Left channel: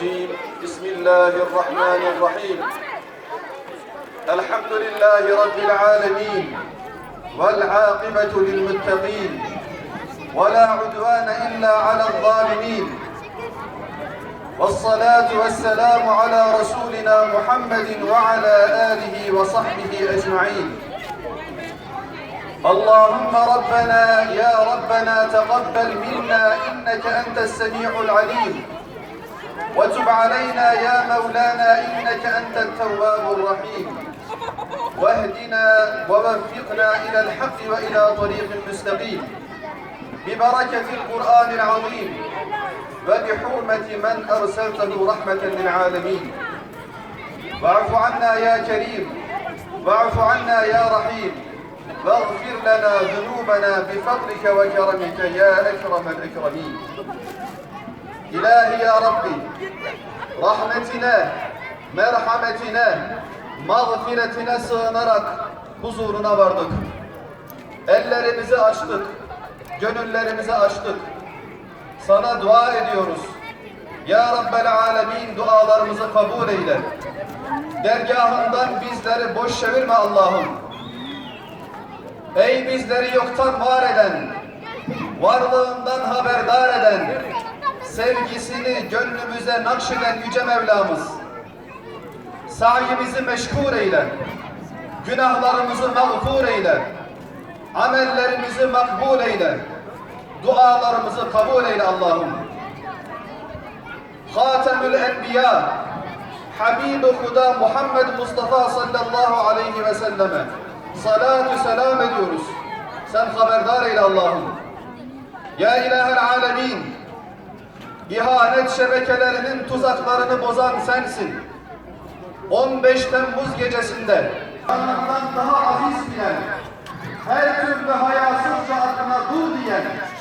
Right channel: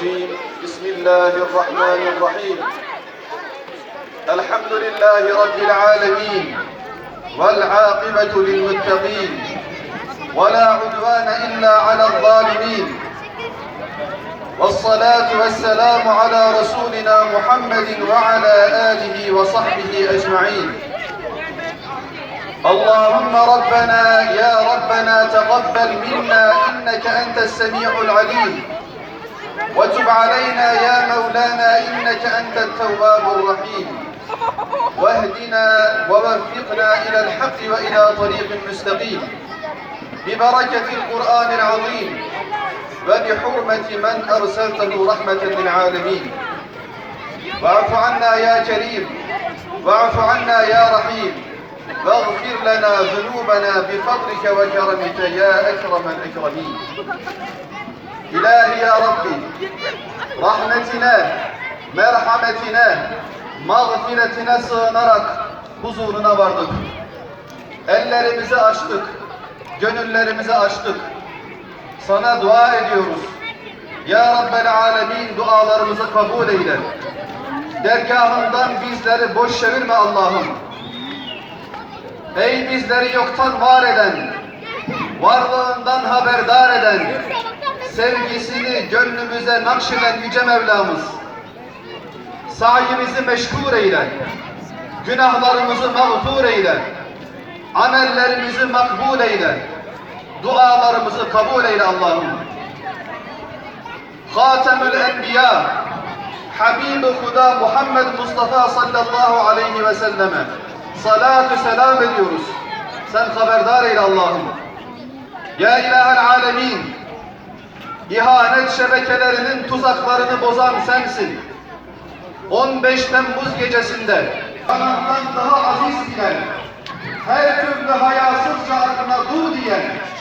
الرجيم. بسم الله الرحمن الرحيم. الحمد لله رب العالمين والعاقبة للمتقين ولا عدوان إلا على الظالمين. والصلاة والسلام على رسولنا محمد وعلى آله وصحبه أجمعين. اللهم ربنا يا ربنا تقبل منا إنك أنت السميع العليم. وتب علينا يا مولانا إنك أنت التواب الرحيم. واهدنا ووفقنا إلى الحق وإلى طريق مستقيم. ببركة القرآن العظيم وبحرمة من أرسلته رحمة للعالمين. واعف عنا يا كريم واعف عنا يا رحيم. واغفر لنا ذنوبنا بفضلك وكرمك يا أكرم الأكرمين. İlahi ya Rabbi, rahmetine, merhametine, mağfiretine sığınarak huzuruna vardık. Ellerimizi açtık, gönüllerimizi açtık. Sana dua ediyoruz. Ya Rabbel Alemin dualarımızı kabul eyle. Dergahından bizleri boş çevirme Allah'ım. Ey bizleri yoktan var eden, varlığından haberdar sevgisini gönlümüze nakşeden Yüce Mevlamız, sayimizi meşgul eyle, günahlarımızı mağfur eyle, amellerimizi makbul eyle, dualarımızı kabul eyle Allah'ım. Hatemül Enbiya, Habib-i Huda Muhammed Mustafa sallallahu aleyhi ve selleme salatü selam ediyoruz. Sen haberdar eyle Allah'ım. Ya ilahel alemin, İhanet şebekelerinin tuzaklarını bozan sensin. 15 Temmuz gecesinde kanattan daha aziz bilen, her türlü hayasızca adına dur diyen,